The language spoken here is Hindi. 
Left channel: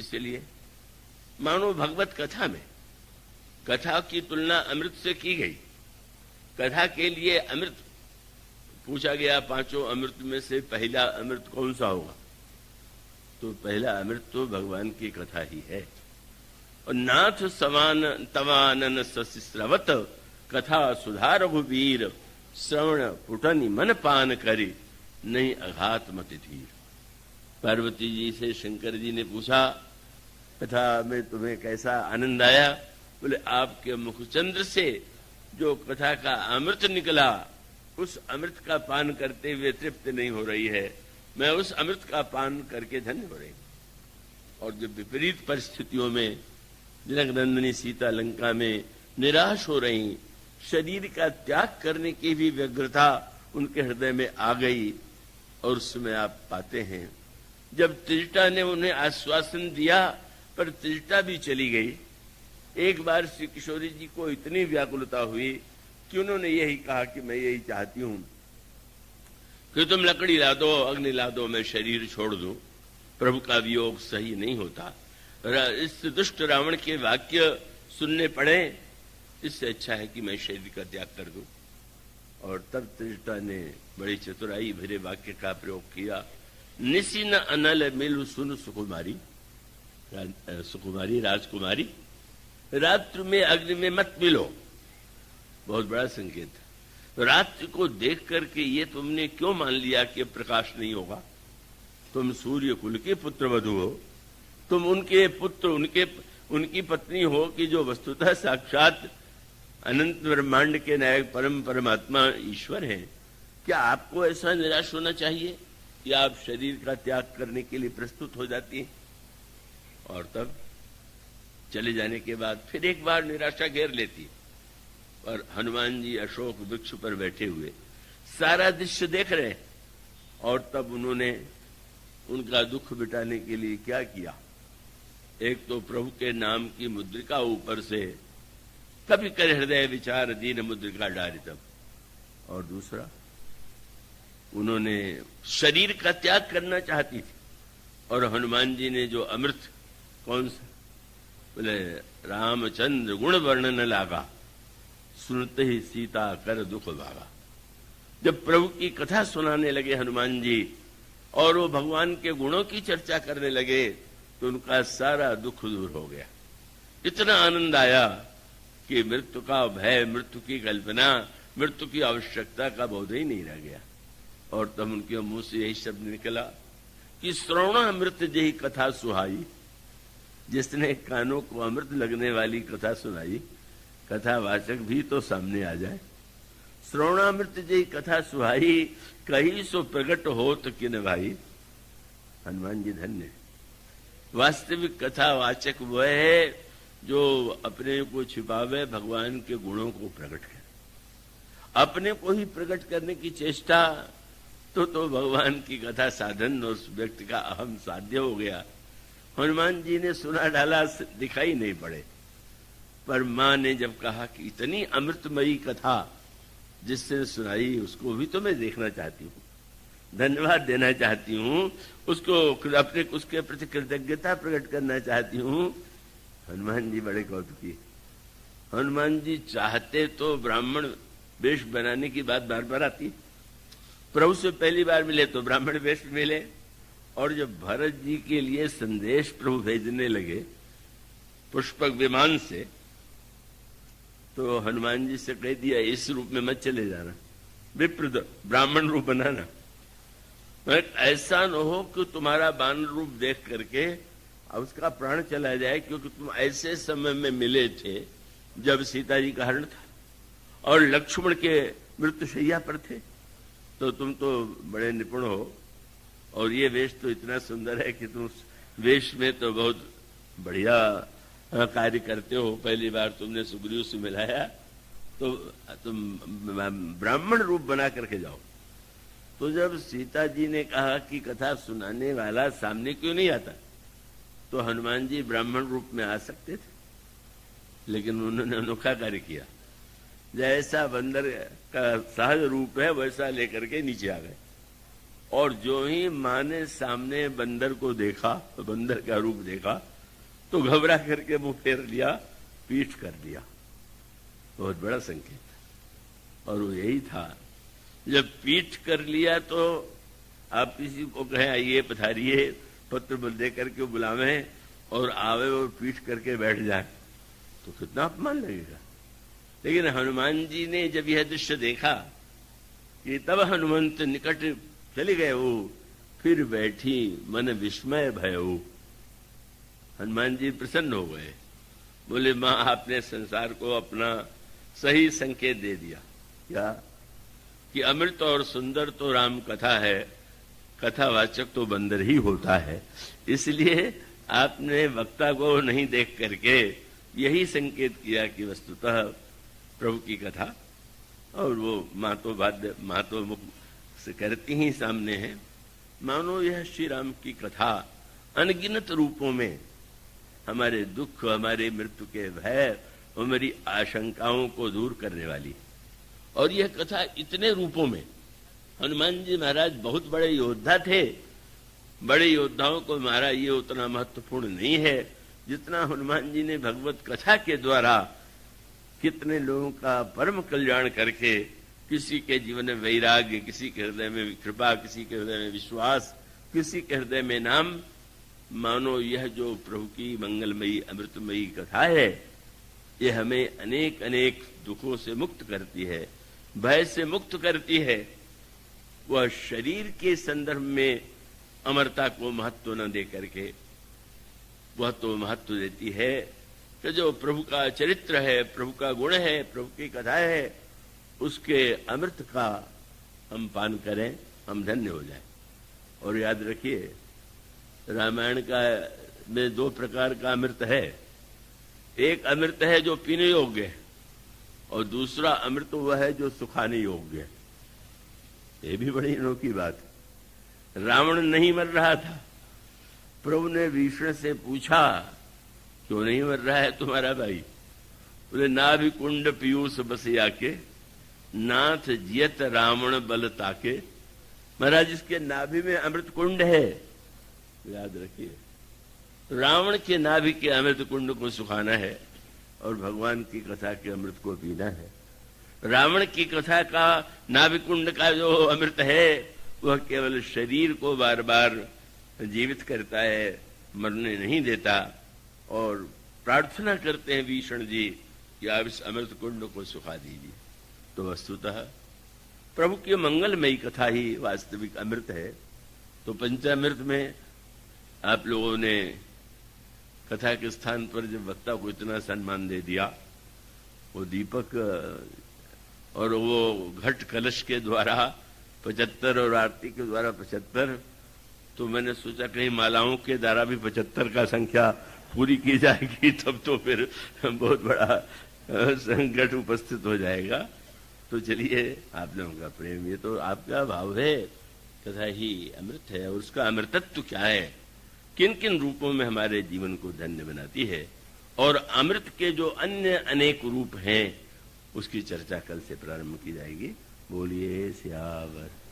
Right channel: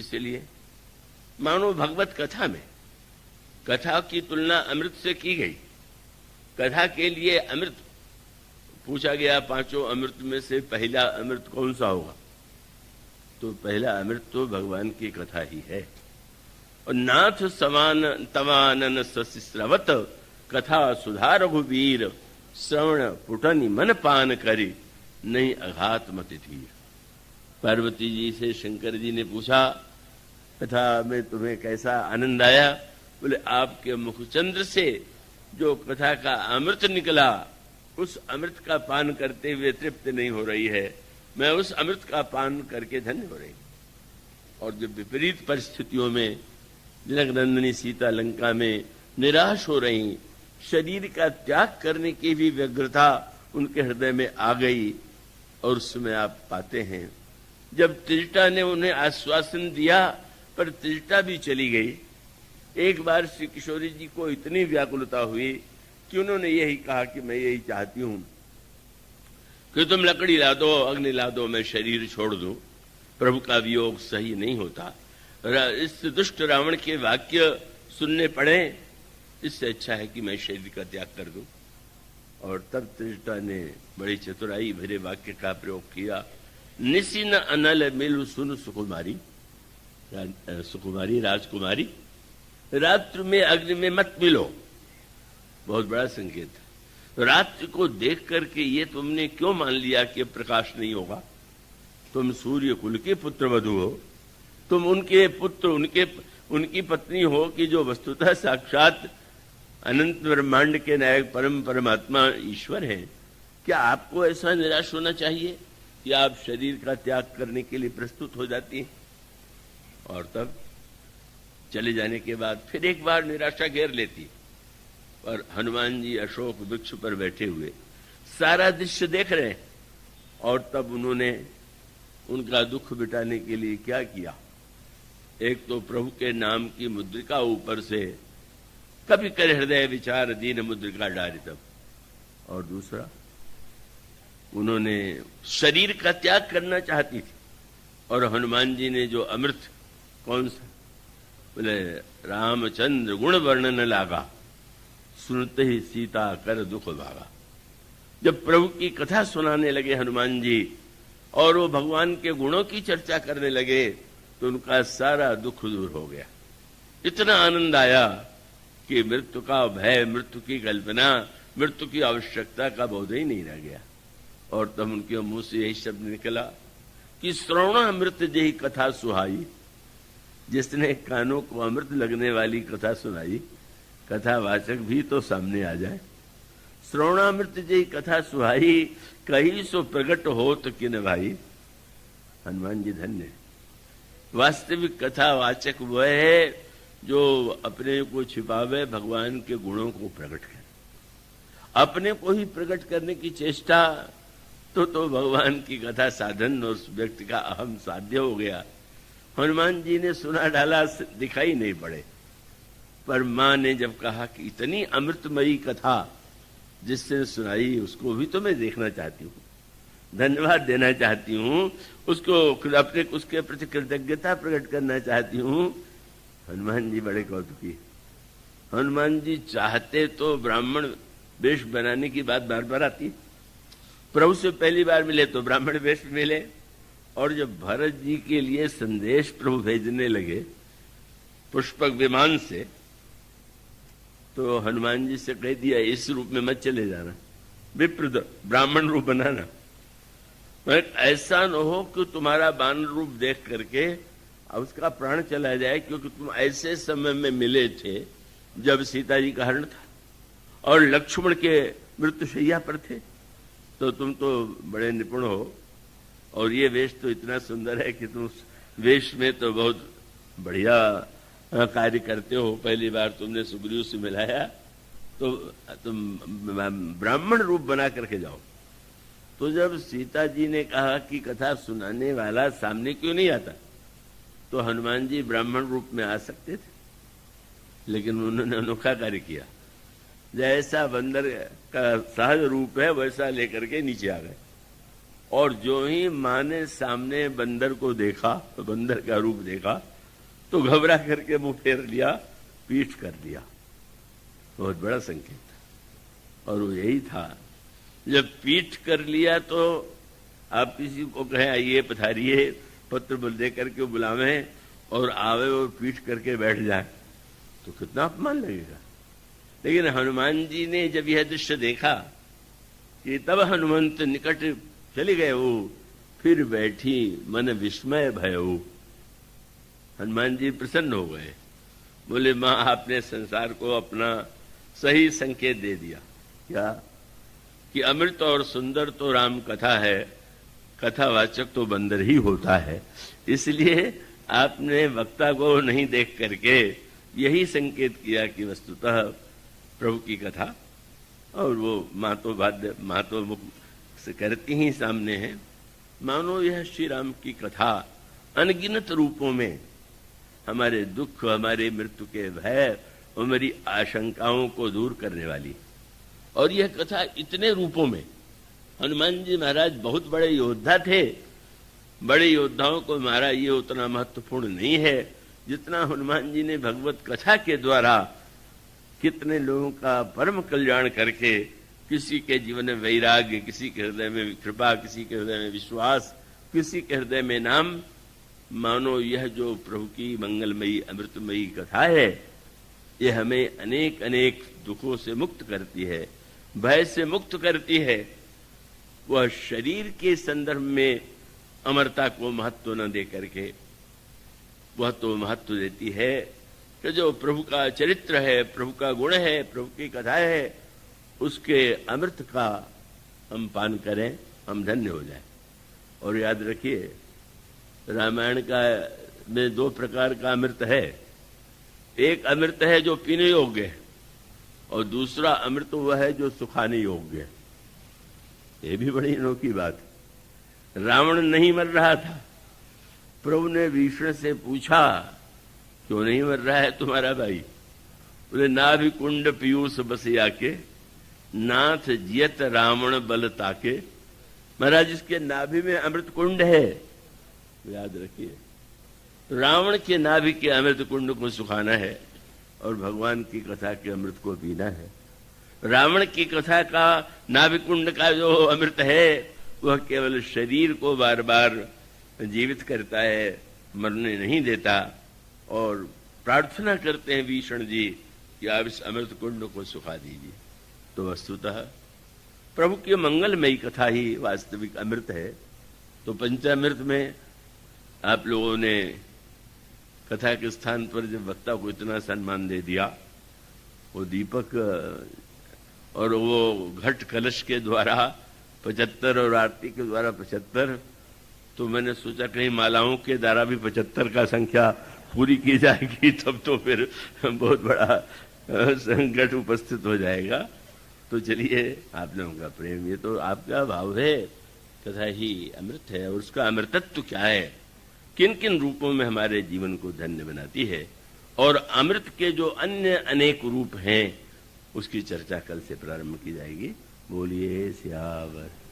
इसीलिए मानो भगवत कथा में कथा की तुलना अमृत से की गई। कथा के लिए अमृत पूछा गया, पांचों अमृत में से पहला अमृत कौन सा होगा? तो पहला अमृत तो भगवान की कथा ही है। और नाथ समान तवानन सस्रवत कथा सुधा रघुवीर श्रवण पुटनि मन पान करी नहीं अघात मत धीर। पार्वती जी से शंकर जी ने पूछा, कथा में तुम्हें कैसा आनंद आया? बोले, आपके मुखचंद्र से जो कथा का अमृत निकला, उस अमृत का पान करते हुए तृप्त नहीं हो रही है, मैं उस अमृत का पान करके धन्य हो रही। और जब विपरीत परिस्थितियों में जनकनंदिनी सीता लंका में निराश हो रही, शरीर का त्याग करने की भी व्यग्रता उनके हृदय में आ गई। और उसमें आप पाते हैं जब त्रिजटा ने उन्हें आश्वासन दिया, पर त्रिजटा भी चली गई। एक बार श्री किशोरी जी को इतनी व्याकुलता हुई कि उन्होंने यही कहा कि मैं यही चाहती हूं कि तुम लकड़ी ला दो, अग्नि ला दो, मैं शरीर छोड़ दूं। प्रभु का वियोग सही नहीं होता। इस दुष्ट रावण के वाक्य सुनने पड़े, इससे अच्छा है कि मैं शरीर का त्याग कर दूं। और तब त्रिजटा ने बड़ी चतुराई भरे वाक्य का प्रयोग किया, निशिन अनल मिलु सुन सुकुमारी, सुकुमारी राजकुमारी, रात्रि में अग्नि में मत मिलो। बहुत बड़ा संकेत है। रात्रि को देख करके ये तुमने क्यों मान लिया कि प्रकाश नहीं होगा? तुम सूर्य कुल के पुत्र वधु हो, तुम उनके पुत्र, उनकी पत्नी हो कि जो वस्तुतः साक्षात अनंत ब्रह्मांड के नायक परम परमात्मा ईश्वर है। क्या आपको ऐसा निराश होना चाहिए कि आप शरीर का त्याग करने के लिए प्रस्तुत हो जाती हैं? और तब चले जाने के बाद फिर एक बार निराशा घेर लेती है। और हनुमान जी अशोक वृक्ष पर बैठे हुए सारा दृश्य देख रहे हैं। और तब उन्होंने उनका दुख मिटाने के लिए क्या किया? एक तो प्रभु के नाम की मुद्रिका ऊपर से कभी कर हृदय विचार दीन मुद्रिका डाली तब। और दूसरा, उन्होंने शरीर का त्याग करना चाहती थी। और हनुमान जी ने जो अमृत, कौन सा? बोले, रामचंद्र गुण वर्णन लागा, सुनते ही सीता कर दुख भागा। जब प्रभु की कथा सुनाने लगे हनुमान जी और वो भगवान के गुणों की चर्चा करने लगे, तो उनका सारा दुख दूर हो गया। इतना आनंद आया कि मृत्यु का भय, मृत्यु की कल्पना, मृत्यु की आवश्यकता का बोध ही नहीं रह गया। और तब उनके मुंह से यही शब्द निकला कि श्रवणामृत जही कथा सुहाई। जिसने कानों को अमृत लगने वाली कथा सुनाई, कथावाचक भी तो सामने आ जाए। श्रवणामृत जही कथा सुहाई, कहीं सो प्रकट होत किन भाई। हनुमान जी धन्य है। वास्तविक कथावाचक वह है जो अपने को छिपावे, भगवान के गुणों को प्रकट करे। अपने को ही प्रकट करने की चेष्टा तो भगवान की कथा साधन उस व्यक्ति का अहम साध्य हो गया। हनुमान जी ने सुना डाला, दिखाई नहीं पड़े। पर मां ने जब कहा कि इतनी अमृतमयी कथा जिससे सुनाई, उसको भी तो मैं देखना चाहती हूँ, धन्यवाद देना चाहती हूँ, उसको अपने उसके प्रति कृतज्ञता प्रकट करना चाहती हूँ। हनुमान जी बड़े कौतुकी। हनुमान जी चाहते तो ब्राह्मण वेश बनाने की बात बार बार आती। प्रभु से पहली बार मिले तो ब्राह्मण वेश मिले। और जब भरत जी के लिए संदेश प्रभु भेजने लगे पुष्पक विमान से, तो हनुमान जी से कह दिया, इस रूप में मत चले जाना, विप्र ब्राह्मण रूप बनाना। ऐसा न हो कि तुम्हारा बान रूप देख करके उसका प्राण चला जाए, क्योंकि तुम ऐसे समय में मिले थे जब सीता जी का हरण था और लक्ष्मण के मृत्युशैया पर थे। तो तुम तो बड़े निपुण हो और ये वेश तो इतना सुंदर है कि तुम वेश में तो बहुत बढ़िया कार्य करते हो। पहली बार तुमने सुग्रीव से मिलाया तो तुम ब्राह्मण रूप बना करके जाओ। तो जब सीता जी ने कहा कि कथा सुनाने वाला सामने क्यों नहीं आता, तो हनुमान जी ब्राह्मण रूप में आ सकते थे, लेकिन उन्होंने अनोखा कार्य किया। जैसा बंदर का सहज रूप है वैसा लेकर के नीचे आ गए और जो ही मां ने सामने बंदर को देखा, तो बंदर का रूप देखा, तो घबरा करके मुंह फेर लिया, पीठ कर दिया। बहुत बड़ा संकेत। और वो यही था, जब पीठ कर लिया तो आप किसी को कहें आइए पधारिए, पत्र दे करके बुलावें और आवे और पीठ करके बैठ जाए तो कितना अपमान लगेगा। लेकिन हनुमान जी ने जब यह दृश्य देखा कि तब हनुमंत निकट चले गए हो, फिर बैठी मन विस्मय भयऊ। हनुमान जी प्रसन्न हो गए, बोले मां आपने संसार को अपना सही संकेत दे दिया। क्या कि अमृत और सुंदर तो राम कथा है, कथावाचक तो बंदर ही होता है। इसलिए आपने वक्ता को नहीं देख करके यही संकेत किया कि वस्तुतः प्रभु की कथा, और वो मां तो मुख से करती ही सामने है। मानो यह श्री राम की कथा अनगिनत रूपों में हमारे दुख, हमारे मृत्यु के भय, हमारी आशंकाओं को दूर करने वाली। और यह कथा इतने रूपों में, हनुमान जी महाराज बहुत बड़े योद्धा थे, बड़े योद्धाओं को मारा ये उतना महत्वपूर्ण नहीं है जितना हनुमान जी ने भगवत कथा के द्वारा कितने लोगों का परम कल्याण करके, किसी के जीवन में वैराग्य, किसी के हृदय में कृपा, किसी के हृदय में विश्वास, किसी के हृदय में नाम। मानो यह जो प्रभु की मंगलमयी अमृतमयी कथा है, ये हमें अनेक अनेक दुखों से मुक्त करती है, भय से मुक्त करती है। वह शरीर के संदर्भ में अमरता को महत्व न दे करके वह तो महत्व देती है कि जो प्रभु का चरित्र है, प्रभु का गुण है, प्रभु की कथा है, उसके अमृत का हम पान करें, हम धन्य हो जाए। और याद रखिए, रामायण का में दो प्रकार का अमृत है। एक अमृत है जो पीने योग्य है, और दूसरा अमृत वह है जो सुखाने योग्य है। ये भी बड़ी अनोखी बात है। रावण नहीं मर रहा था, प्रभु ने विष्णु से पूछा क्यों नहीं मर रहा है तुम्हारा भाई? बोले नाभि कुंड पीयूष बसिया के, नाथ जियत रावण बल ताके। महाराज इसके नाभि में अमृत कुंड है, याद रखिए। रावण के नाभि के अमृत कुंड को सुखाना है और भगवान की कथा के अमृत को पीना है। रावण की कथा का नाभि कुंड का जो अमृत है वह केवल शरीर को बार बार जीवित करता है, मरने नहीं देता। और प्रार्थना करते हैं भीषण जी कि आप इस अमृत कुंड को सुखा दीजिए। तो वस्तुतः प्रभु की मंगलमयी कथा ही वास्तविक अमृत है। तो पंचामृत में आप लोगों ने कथा के स्थान पर जब वक्ता को इतना सम्मान दे दिया, वो दीपक और वो घट कलश के द्वारा 75 और आरती के द्वारा 75, तो मैंने सोचा कहीं मालाओं के द्वारा भी 75 का संख्या पूरी की जाएगी, तब तो फिर बहुत बड़ा संकट उपस्थित हो जाएगा। तो चलिए, आप लोगों का प्रेम, ये तो आपका भाव है, तथा ही अमृत है। और उसका अमृतत्व क्या है, किन किन रूपों में हमारे जीवन को धन्य बनाती है, और अमृत के जो अन्य अनेक रूप हैं उसकी चर्चा कल से प्रारंभ की जाएगी। बोलिए सियावर